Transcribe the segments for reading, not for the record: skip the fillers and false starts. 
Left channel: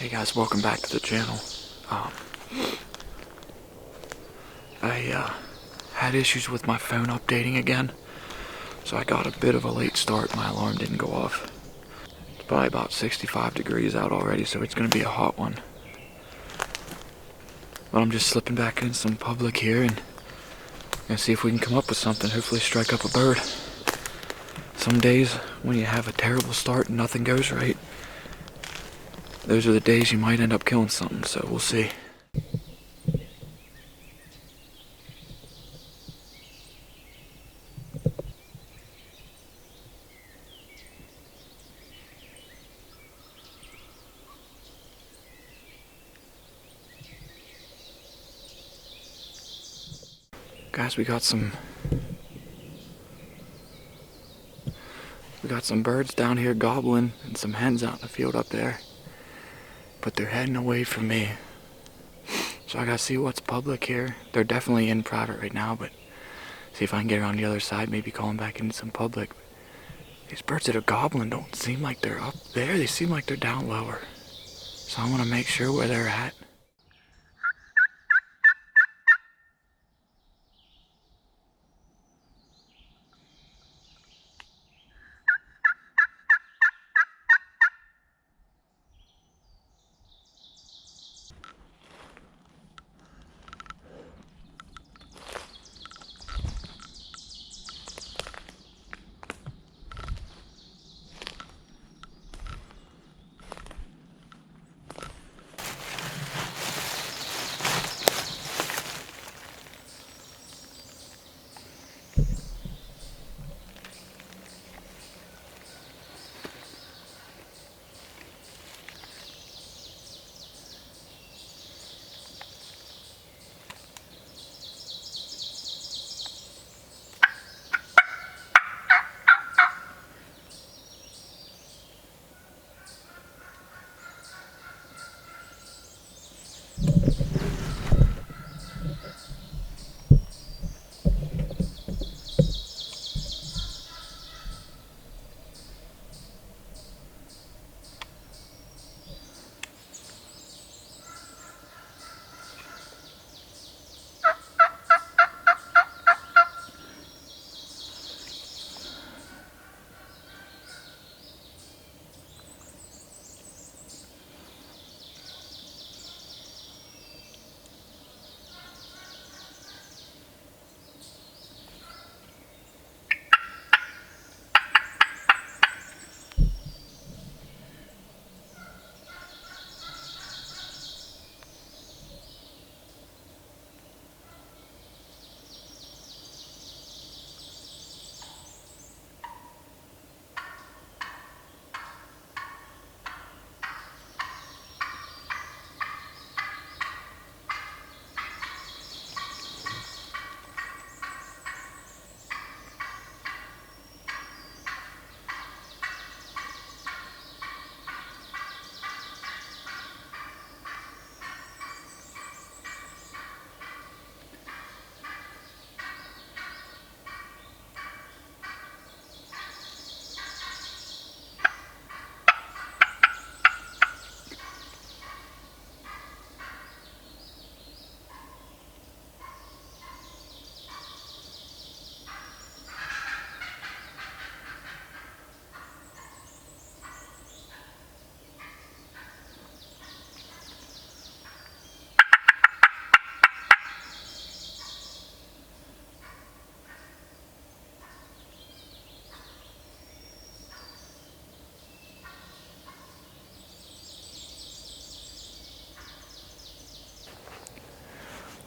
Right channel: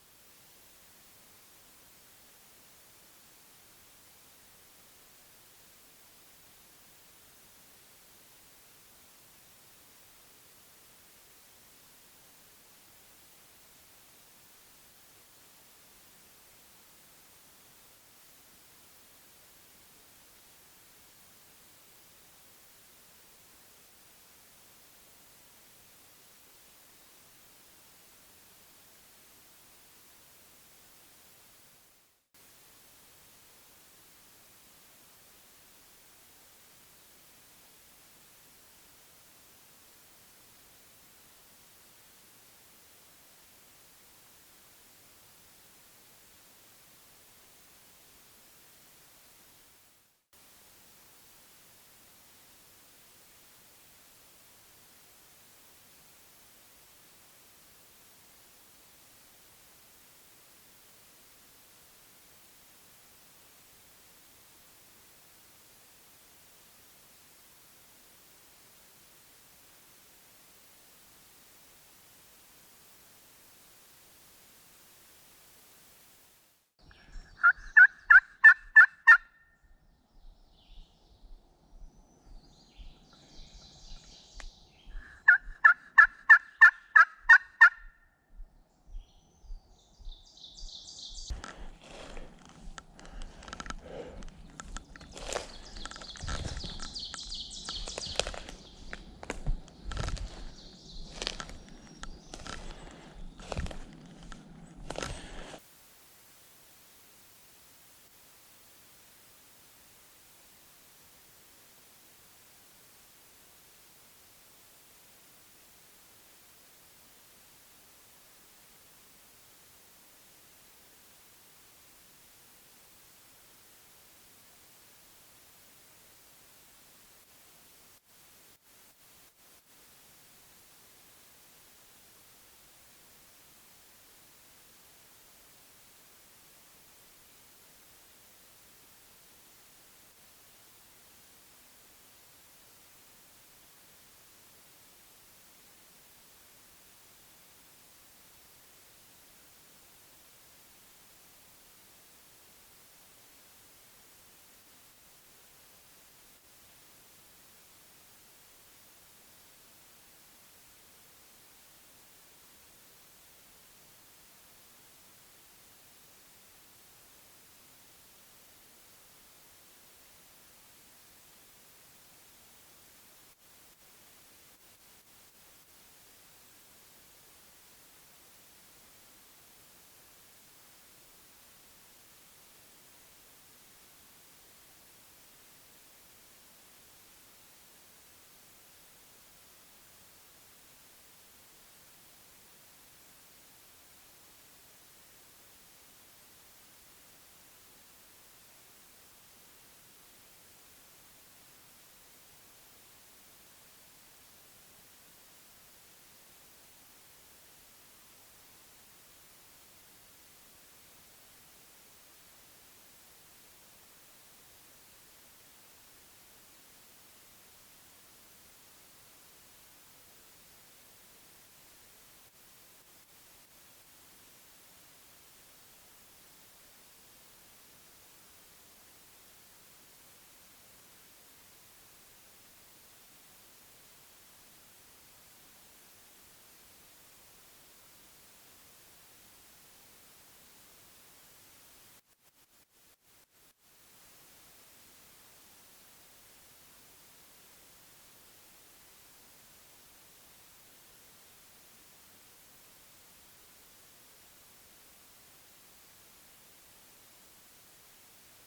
Hey guys, welcome back to the channel. Um, I had issues with my phone updating again, so I got a bit of a late start. My alarm didn't go off. It's probably about 65 degrees out already, so it's going to be a hot one. But I'm just slipping back in some public here and gonna see if we can come up with something. Hopefully strike up a bird. Some days when you have a terrible start and nothing goes right, those are the days you might end up killing something, so we'll see. Guys, we got some birds down here gobbling and some hens out in the field up there. But they're heading away from me. So I gotta see what's public here. They're definitely in private right now, but see if I can get around the other side, maybe call them back into some public. These birds that are gobbling don't seem like they're up there. They seem like they're down lower. So I wanna make sure where they're at.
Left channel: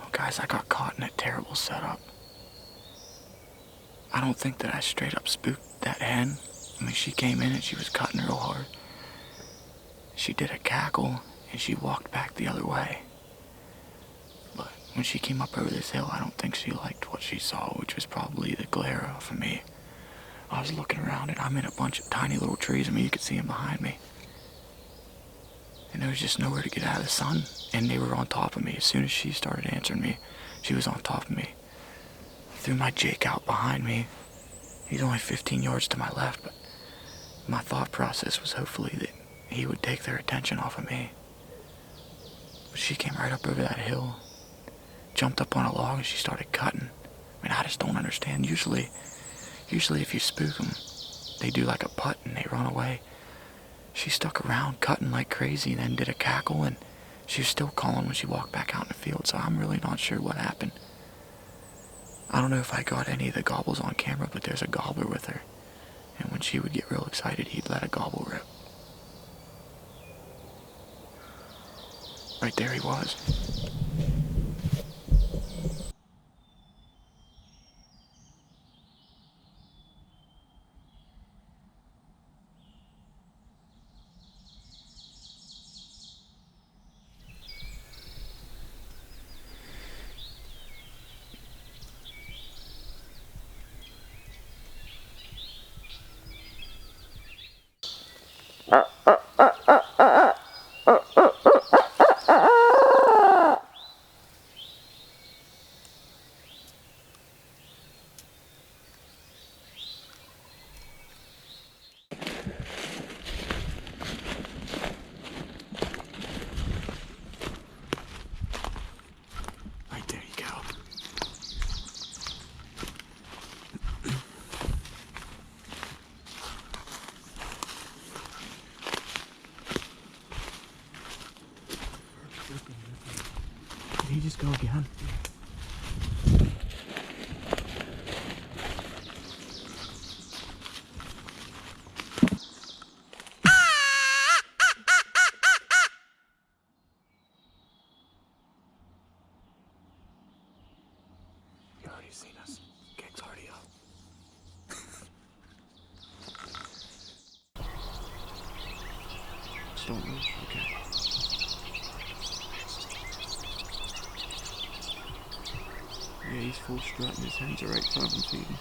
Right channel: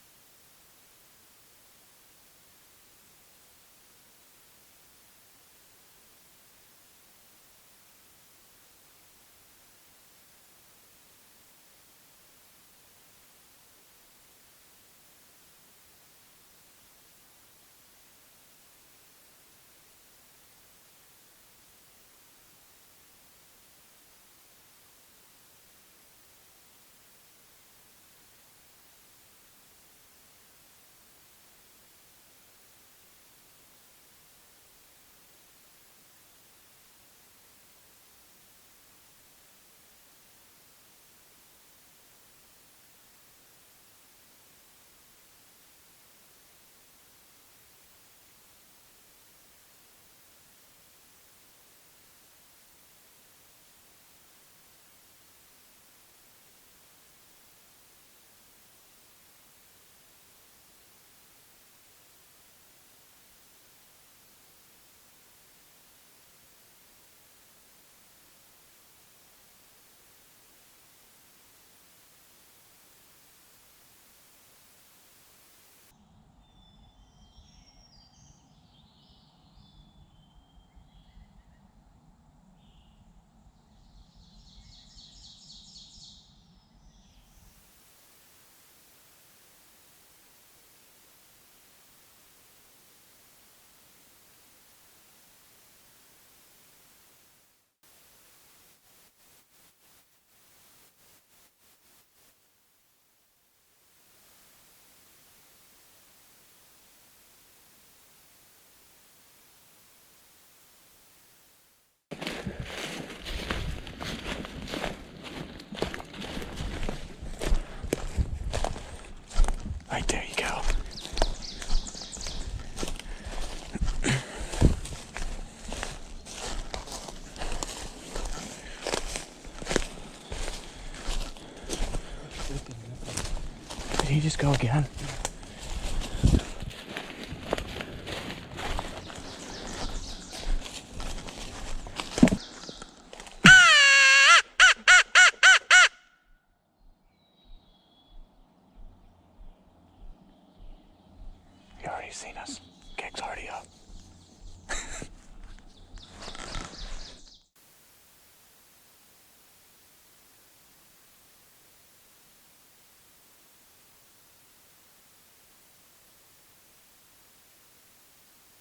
Oh guys, I got caught in a terrible setup. I don't think that I straight up spooked that hen. I mean, she came in and she was cutting real hard. She did a cackle and she walked back the other way. But when she came up over this hill, I don't think she liked what she saw, which was probably the glare off of me. I was looking around and I'm in a bunch of tiny little trees. I mean, you could see them behind me. And there was just nowhere to get out of the sun. And they were on top of me. As soon as she started answering me, she was on top of me. I threw my Jake out behind me. He's only 15 yards to my left, but my thought process was hopefully that he would take their attention off of me. But she came right up over that hill, jumped up on a log, and she started cutting. I mean, I just don't understand. Usually if you spook them, they do like a putt and they run away. She stuck around cutting like crazy and then did a cackle, and she was still calling when she walked back out in the field, so I'm really not sure what happened. I don't know if I got any of the gobbles on camera, but there's a gobbler with her, and when she would get real excited, he'd let a gobble rip. Right there he was. Right there you go. Did he just go again? He already seen us. Gig's already up. Just don't move. Okay. Yeah, he's full strutting. His hands are right above him feeding.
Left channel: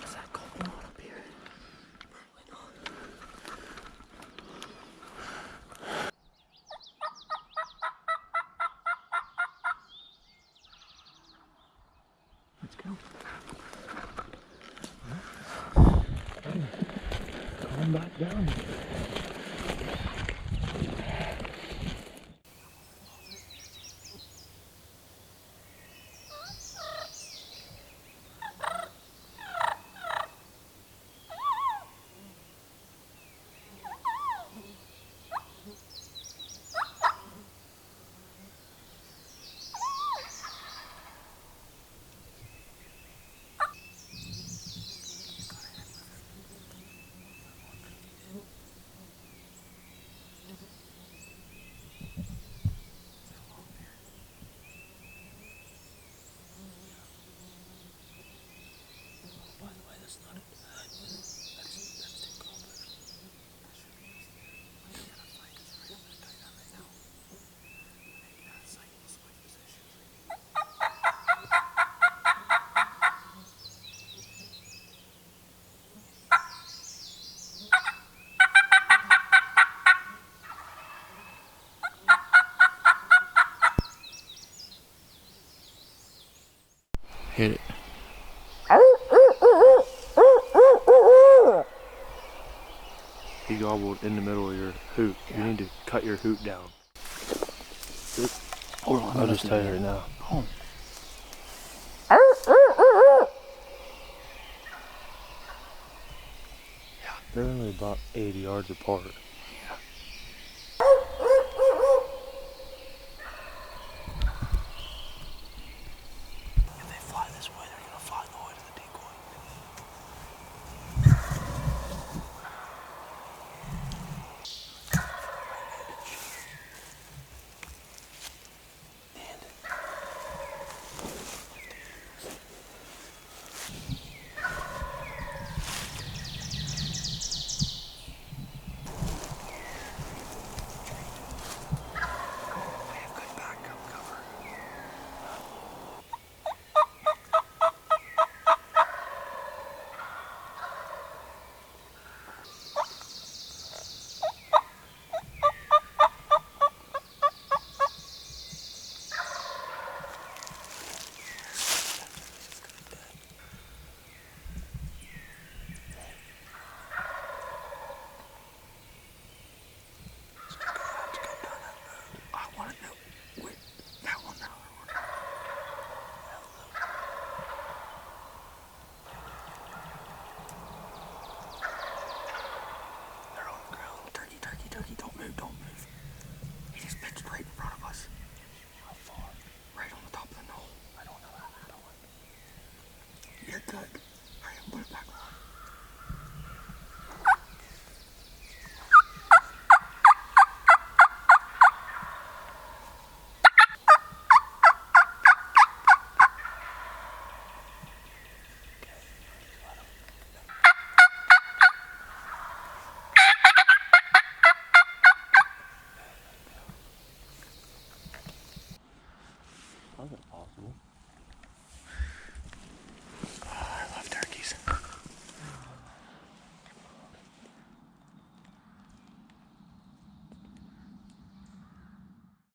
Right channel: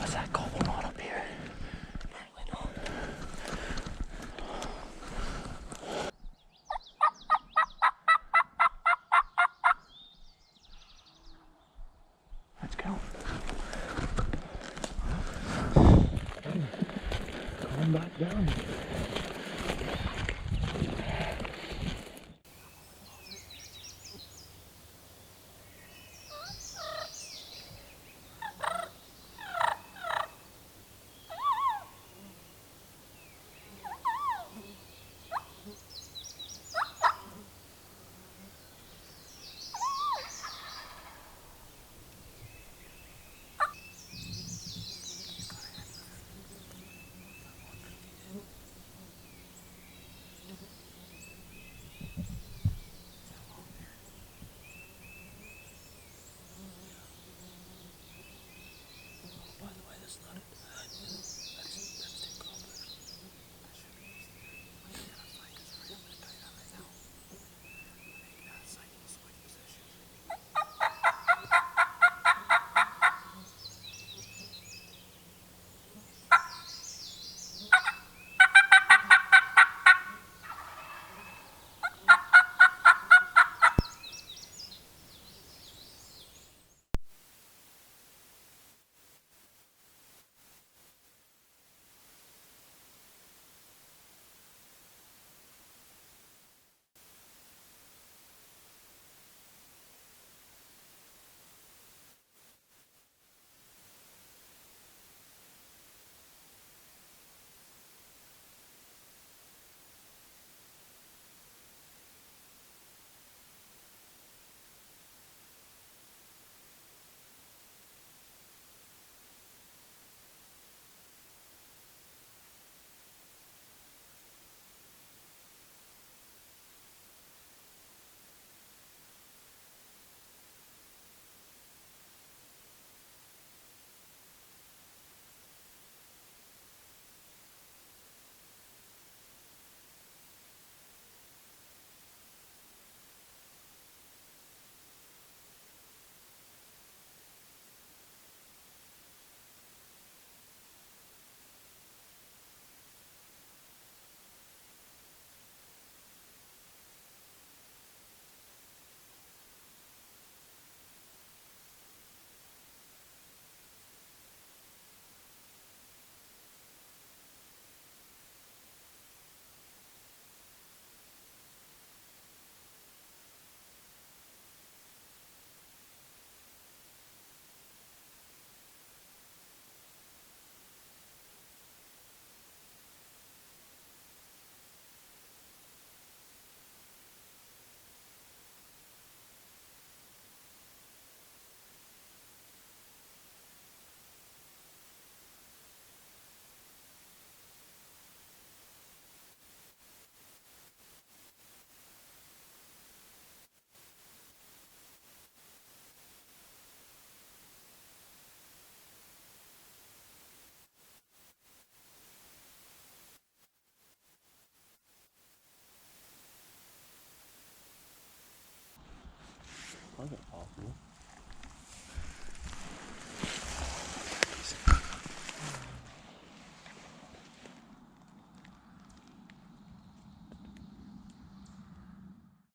Was that gobble not up here? Apparently not. Let's go. Come back down. By the way, that's not it. That's two gobblers. That should be easy. We gotta fight because we're gonna tie down right now. When they get out of sight, we'll switch positions. Hit it. He gobbled in the middle of your hoot. Yeah. You need to cut your hoot down. Hold on. I'll just tell you right now. Home. They're only about 80 yards apart. If they fly this way, they're gonna fly the way to the decoy. cool.